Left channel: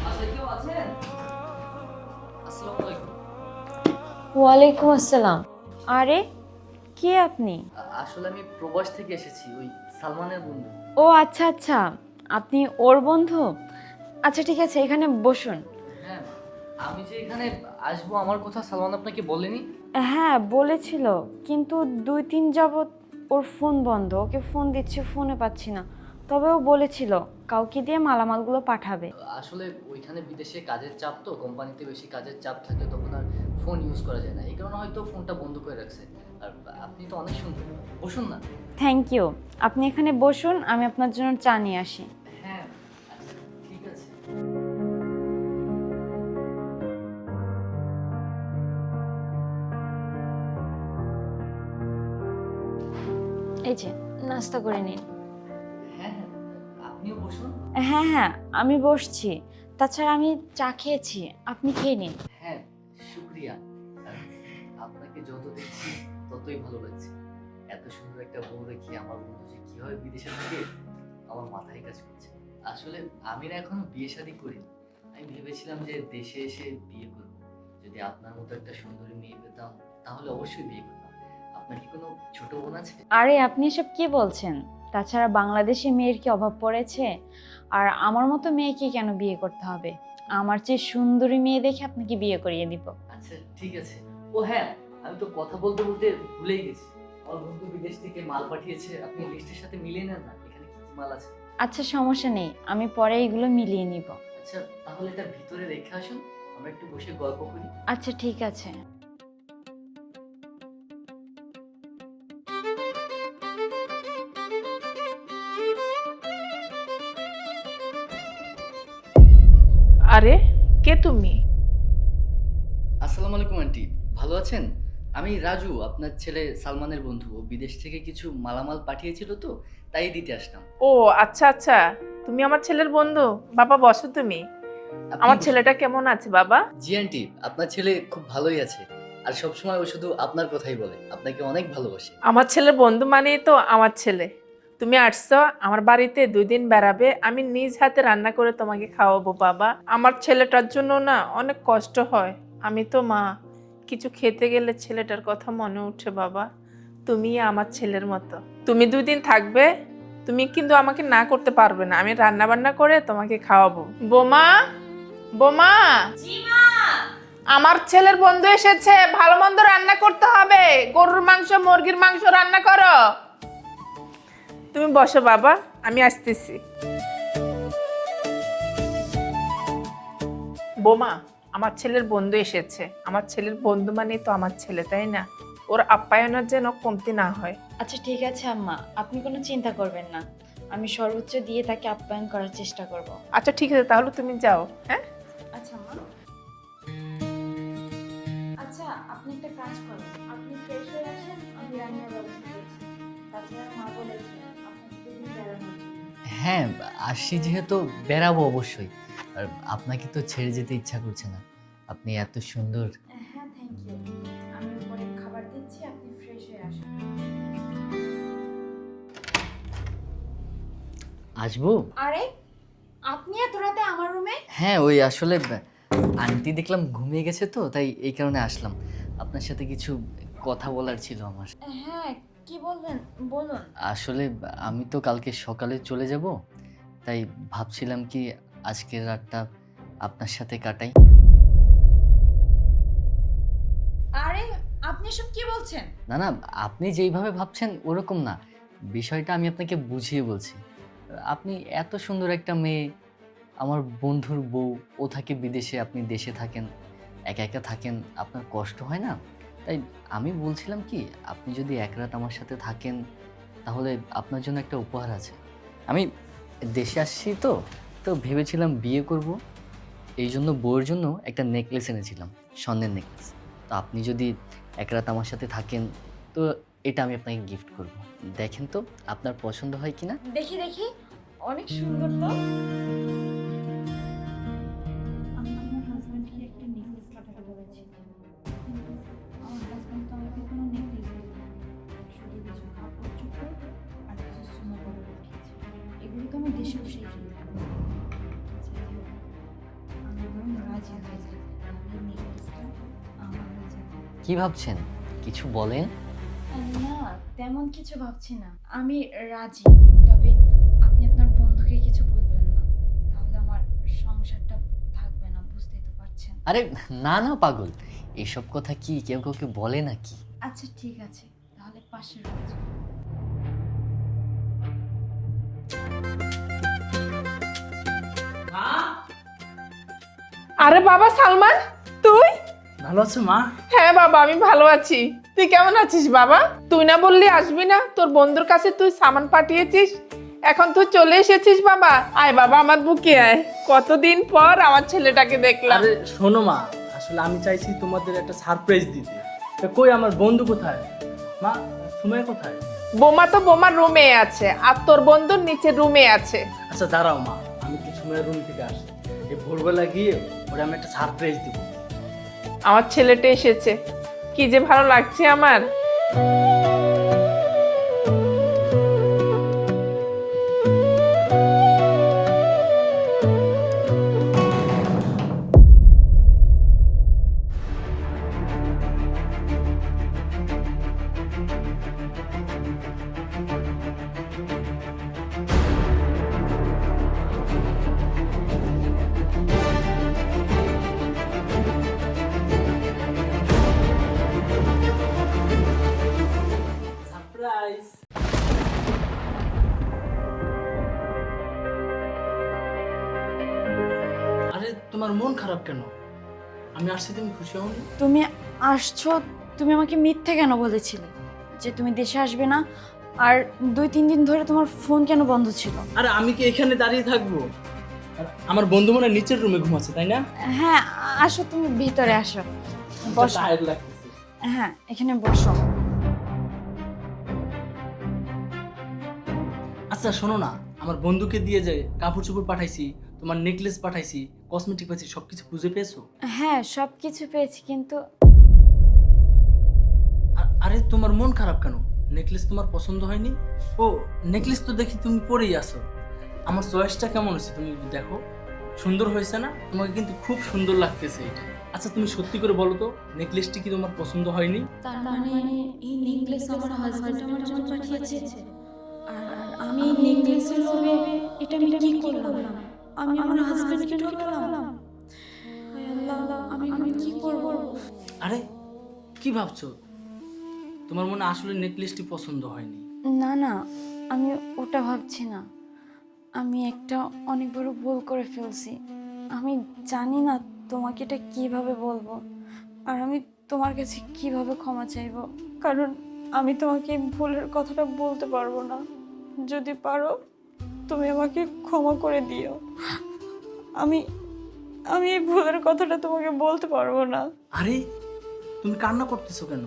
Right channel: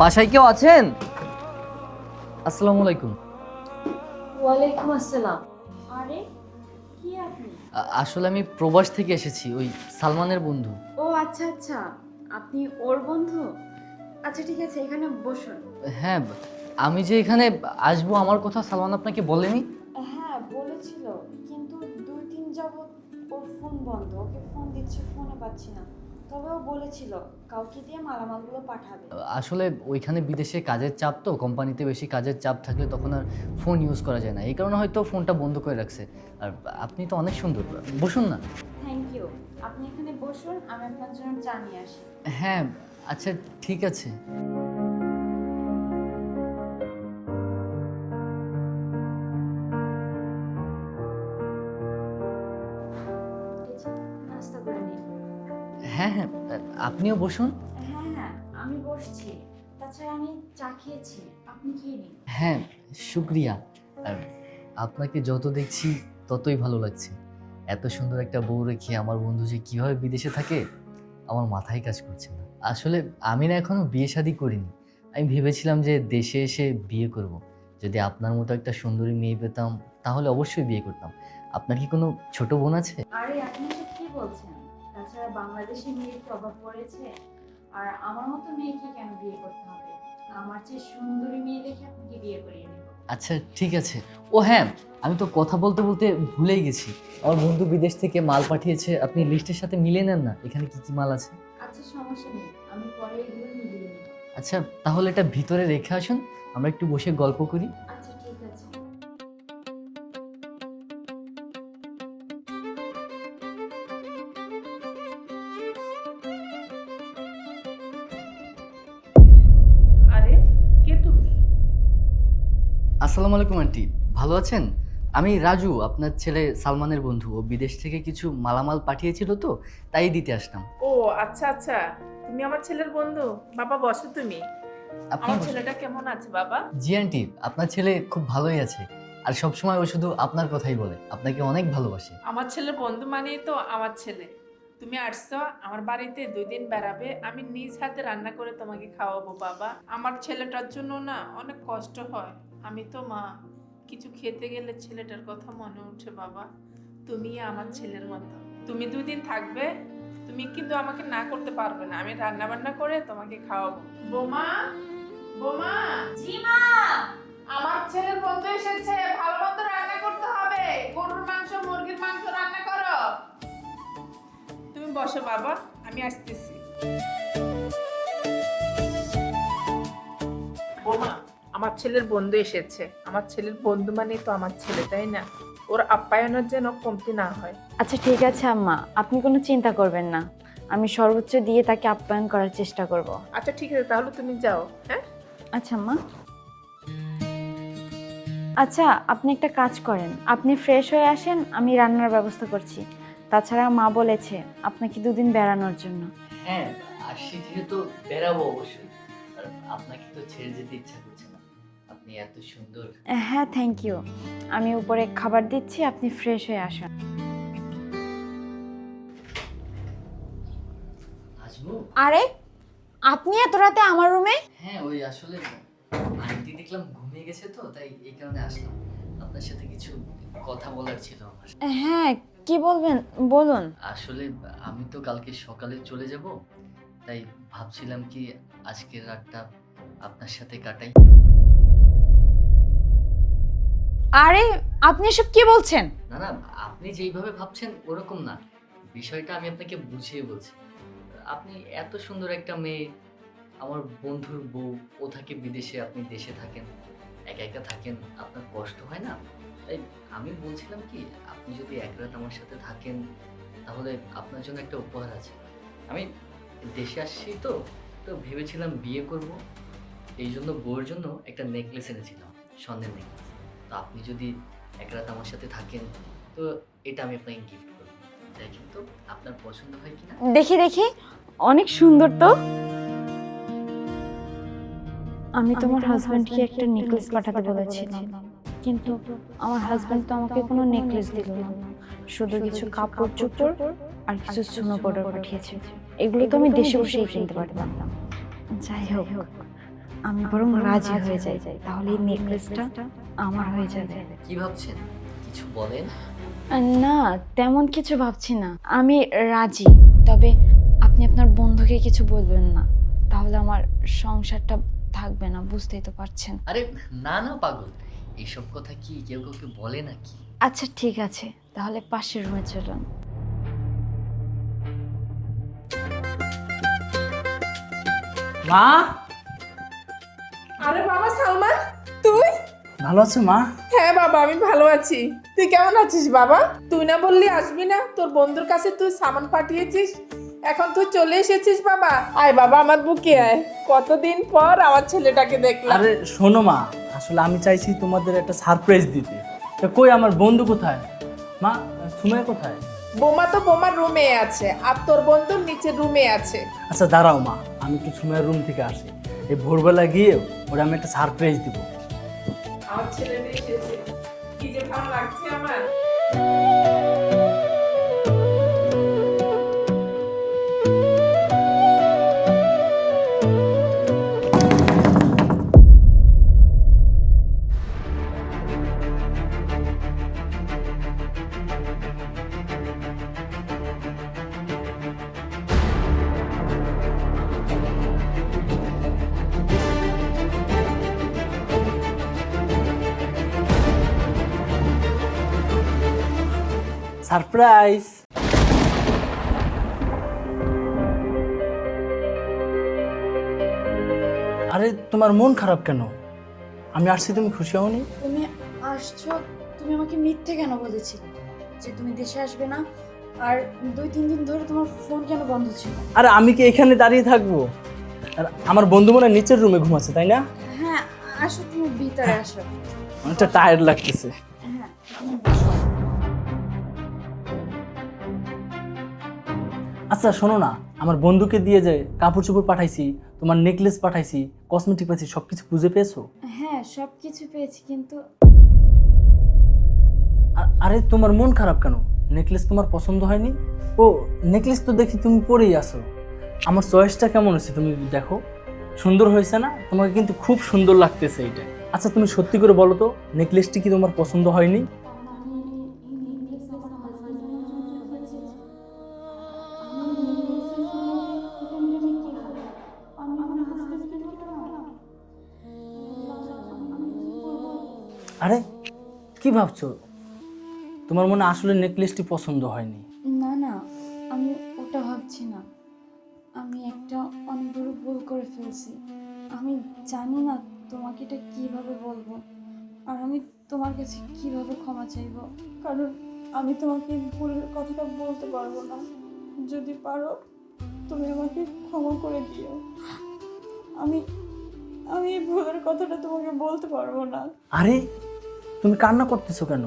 বাসায় কেউ আছেন? আসসালামু আলাইকুম। ওয়ালাইকুম আসসালাম। আরে কে আপনি? আসলে আমি প্রবাস থেকে এসেছি, ওই সালমানের বন্ধু। ও আচ্ছা আচ্ছা, আপনি ওর বন্ধু। আচ্ছা ঠিক আছে, এখানে বসুন। হ্যাঁ, আমি যে এখানে আসবো আমার কথা সালমান আপনাকে বলেনি? হ্যাঁ বলেছিল, কিন্তু 2-3 যাবত ওর ফোন বন্ধ। ওকে ফোন দিচ্ছি, ফোনে পাচ্ছি না। তবে ও বলেছিল কাউকে দিয়ে মালামালগুলো পাঠাবে। আসলে ওইখানে বিদেশে কাজের চাপ, তো কোম্পানিতে বেশি কাজের চাপ থাকলে তখন আর ফোন ইউজ করা যায় না, এই কারণে হয়তো ফোনটা বন্ধ করে রাখছে। আর আপনি তো অনেক সুন্দর, বসুন না। Thank you. আপনি এখানে বসুন, আমি আপনার জন্য চা নিয়ে আসি। হ্যাঁ, আচ্ছা ঠিক আছে। এই যে নাস্তা করে নিন। হ্যাঁ হ্যাঁ, আপনিও বসুন। হ্যাঁ হ্যাঁ, আমি বসছি। তাছাড়া আমি চা খেয়েছি, আপনি খেয়ে নিন। হ্যাঁ, শুক্রিয়া। আর আপনাকে যত দেখছি ততই ভালো লাগছে। এত সুন্দর একটা বউ রেখে আমার বন্ধু যে কিভাবে বিদেশে থাকে আমার মাথায় কাজ করছে না। আসলে আমি না এখনো বিয়ে শাদী করিনি। আমি ভেবেছিলাম যে দেশে এসে বিয়ে করব। যদি আপনার মতো একটা সুন্দরী মেয়ে পেতাম তাহলে অবশ্যই বিয়ে করতাম। আপনার কি কোনো ছোট বোন আছে? আরে আপনি এসব কি বলছেন? তাছাড়া বাংলাদেশে মেয়ের কি অভাব পড়েছে? আর আমার মতো মেয়েকে কেন বিয়ে করতে হবে? আমার চেয়ে সুন্দরী মেয়ে দেখে আপনাকে বিয়ে করিয়ে দিব। আচ্ছা ঠিক আছে। ও হ্যাঁ, আমি তো কথা বলতে বলতে ভুলেই গেছি। আমার বন্ধু বিদেশ থেকে মাল পাঠিয়েছে, আপনি লিস্টের সাথে মিলিয়ে নেন না এখানে কি কি মাল আছে। আচ্ছা সমস্যা নেই, আমি পরে এগুলো মিলিয়ে নিব। আচ্ছা তাহলে এটা ভিতরে রেখে আসুন, আমরা একটু বসে গল্প করি। আচ্ছা ঠিক আছে। আরে কে তুমি? আসসালামু আলাইকুম আন্টি, ভালো আছেন? আমি রাজু, আপনার ছেলে সালমানের বন্ধু। ও বিদেশ থেকে কিছু মালামাল পাঠিয়েছিল, তো তাই দিতে আসলাম। ও আচ্ছা আচ্ছা, তুমি আমার ছেলের বন্ধু। বাবা বসো তুমি। আপনি আমার বসুন। ছেলেটা কেমন আছে বাবা? জি আন্টি, আপনার ছেলে খুব ভালোই আছে। আর সবসময় ও শুধু আপনার কথাই বলে, আপনাকে অনেক ভালোবাসে। আমার ছেলের বন্ধু মানেই তো আমার ছেলে। তুমি আসছো আমার বাড়িতে 2 দিন বেড়াবে, আমি নিজ হাতে রান্না করে তোমাকে খাওয়াবো বাবা। আমার ছেলেটার জন্য না অনেক কষ্ট হয়। আমি তো মা, কিছু খেতে গেলে ছেলেটার কথা মনে উঠে বাবা। তুমি আমার ছেলের মতো। তুমি 2 দিন থাকবে, তুমি কিন্তু আমাকে না করতে পারবে না। আমি রান্না বান্না করে তোমাকে খাওয়াবো। বোমা, বোমা, আমার ছেলের বন্ধু এসেছে, ভালো মন্দ রান্না করতে হবে। গরুর মাংস, মুরগির মাংস রান্না করো। তুমি বসো বাবা, আমি আসতেছি। বোমা, আমার ছেলের বন্ধু এসেছে। আমার ছেলের বন্ধু মানে তো আমার ছেলে, তাই না? ওর আপ্যায়নের যেন কমতি না হয়। আচ্ছা ঠিক আছে আম্মা, আপনি কোনো চিন্তা করবেন না। আমি সর্বোচ্চ দিয়ে তাকে আপ্যায়ন করার চেষ্টা করব। আচ্ছা ঠিক আছে, তাহলে তুমি যাও। হ্যাঁ আচ্ছা আম্মা। আচ্ছা আপনি একটা কাজ করেন, আপনি ফ্রেশ হয়ে আসেন, আমি রান্নার ব্যবস্থা করছি। তাছাড়া মা বলেছে আপনাকে 2 দিন বেড়ানোর জন্য। হ্যাঁ, আসছি যেহেতু বেরাবো অবশ্যই। আর আপনাকে তো ছেড়ে যেতে ইচ্ছা করছে না, আপনি এত সুন্দর। হ্যাঁ থ্যাংক ইউ। আমি উপরে খাবার দিচ্ছি, আপনি ফ্রেশ হয়ে আসুন। আসবো? আরে আপনি এত রাতে আমার রুমে? হ্যাঁ, ওই আসলে আন্টি দেখলাম ঘুমিয়ে গেছে, তো তাই এই কারণে আসলাম। আপনার সাথে কিছু কথা বলার ছিল আমার। হ্যাঁ কি বলবেন বলুন। আসলে আমি তো কালকে সকালে চলে যাব, তাই ভাবছিলাম কি আজকের রাতটা আপনার সাথে কাটাই। আরে আপনি এসব কি বলছেন? না না, আপনি যেইভাবে ভাবছেন ওরকম না, বিষয়টা আমি আপনাকে বুঝিয়ে বলছি। আপনি এত সুন্দর একটা মেয়ে, আমার বন্ধুর বউ, ও থাকে বিদেশে, আপনি দেশে থাকেন, একা একা থাকেন, আপনার কষ্ট হয় না? তাই আমি বলছিলাম কি আপনি যদি এক রাত আমার সাথে থাকেন তাহলে আপনার জন্য একটা উপহার আছে। আমি দেশে আসছি, তো তো ভেবেছিলাম বিয়ে করব, এই জন্য বউয়ের জন্য একটা নেকলেস এনেছিলাম, স্বর্ণের নেকলেস। তো আপনি যদি এক রাত আমার সাথে থাকেন তো এটা আমি আপনাকে গিফট করব। দেখেন তো আপনার পছন্দ হয় কিনা। দেখি দেখি, অনেক সুন্দর তো। আমি তোমার হাজবেন্ডকে একটা নেকলেস পাঠাতে বলেছিলাম, কিন্তু আমার হাজবেন্ড তো আমাকে কোনো নেকলেস দিল না, শুধু কিছু কাপড় চোপড় আর কিছু সোনা পাউডার পাঠিয়েছে। এগুলো তো আমি দেশে বসেই কিনতে পারতাম। যাই হোক, আমি বরং রাজি হয়ে যাই, তাহলে এই নেকলেসটা আমার হয়ে যাবে। কি ভাবছেন? কিছু বলেন। না, তেমন কিছু ভাবছি না, আমি রাজি। তবে আপনি আপনার বন্ধুকে কিছু বলবেন না, তাহলে আমার সংসারটা থাকবে না, বুঝতেই তো পারছেন। আরে না না পাগল, এসব কথা কি কেউ কাউকে বলে নাকি? আচ্ছা ঠিক আছে, তাহলে পাশের রুমে চলুন। মা, আরে বাবা সালমান, তুই? ভালো আছো মা? হ্যাঁ বাবা, আমি ভালো আছি। তুই কেমন আছিস বাবা? তুই না বললি আসবি না, তোর বন্ধুর কাছে তুই সামান পাঠিয়েছিস, এখন তুই চলে এসেছিস বাবা। আয় বাবা আমার বুকে আয়, কতদিন পর আমার ছেলেটাকে দেখলাম। আরে শোনো মা, আসলে আমি চাইছি তোমাদের একটা সারপ্রাইজ দিতে। তো কই আমার বন্ধু কোথায়? মা, সুমাইয়া কোথায়? বোমা তো বোমার রুমে আছে, আর তোর বন্ধুর নিচে রুমে আছে। আচ্ছা দাঁড়াও মা, আমি তো সুমাইয়ার রুম থেকে আসি, এই ভোরবেলা গিয়ে ওরা আমি একটা সারপ্রাইজ দিব। আমার ছেলেটা এসেছে, কি যে ভালো লাগছে আমার। সারপ্রাইজ! আরে তোমার মন খারাপ কেন? আমি আসছি, তুমি খুশি হওনি? তুমি আসছো, তুমি আমাকে মিথ্যে কেন বলেছিলে যে তুমি দেশে আসবে না? আর 2-3 দিন ধরে তোমার ফোন কেন বন্ধ ছিল? আরে আমি কি এখানে দাঁড়িয়ে থাকবো? আর আমার বন্ধু মনে হয় নিচের রুমে ঘুমাচ্ছে, তাই না? হ্যাঁ, আসো, তুমি ভিতরে আসো। আচ্ছা, বসো। টায়ার্ড লাগতেছে। হ্যাঁ, এখানে বসো। আচ্ছা শোনো না, আমার বন্ধুকে দিয়ে যে কাপড় চোপড় পাঠাইছি, তোমার নেকলেস পাঠাইছি, কসমেটিক পাইছি, সবকিছু খুঁজে পেয়েছো? হ্যাঁ, সব কিছু পেয়েছি, কিন্তু আরে তোমার মন খারাপ কেন? নেকলেস তোমার পছন্দ হয়নি? ও, নেকলেস তো দেখি তুমি পরেই আছো। আমার চয়েসটা কেমন হয়েছে তুমি দেখো, সুন্দর হয়েছে না? তোমাকে কিন্তু খুব সুন্দর লাগতেছে এটা। আচ্ছা তুমি সত্যি করে বলো তো, নেকলেসটি কি তোমার পছন্দ হয়নি? তার মানে এই নেকলেস আমার হাজবেন্ড আমার জন্য পাঠিয়েছে, আর আমি এই নেকলেসের জন্য এটা আমি কি করলাম? আমি আমার হাজবেন্ডকে ঠকালাম। আমি কি করব? আরে কি ভাবছো? তোমার মনে আসলে নেকলেসটি পছন্দ হয়নি? না না, আমি ওটা ভাবছি না। আমি একটা অনেক বড় ভুল করে ফেলছি। আমি জানি না তোমাকে এটা কিভাবে বলবো, আর আমি তোমার কাছে কিভাবে ক্ষমা চাইবো, কারণ আমি তোমাকে এই ভুলের কথাটা বলতে পারবো না। যদি পারো তুমি আমাকে ক্ষমা করে দিও। আমি আমি এই ভুলের কথাটা তোমাকে বলতে পারবো না। আরে তুমি কান্না করতেছো কেন?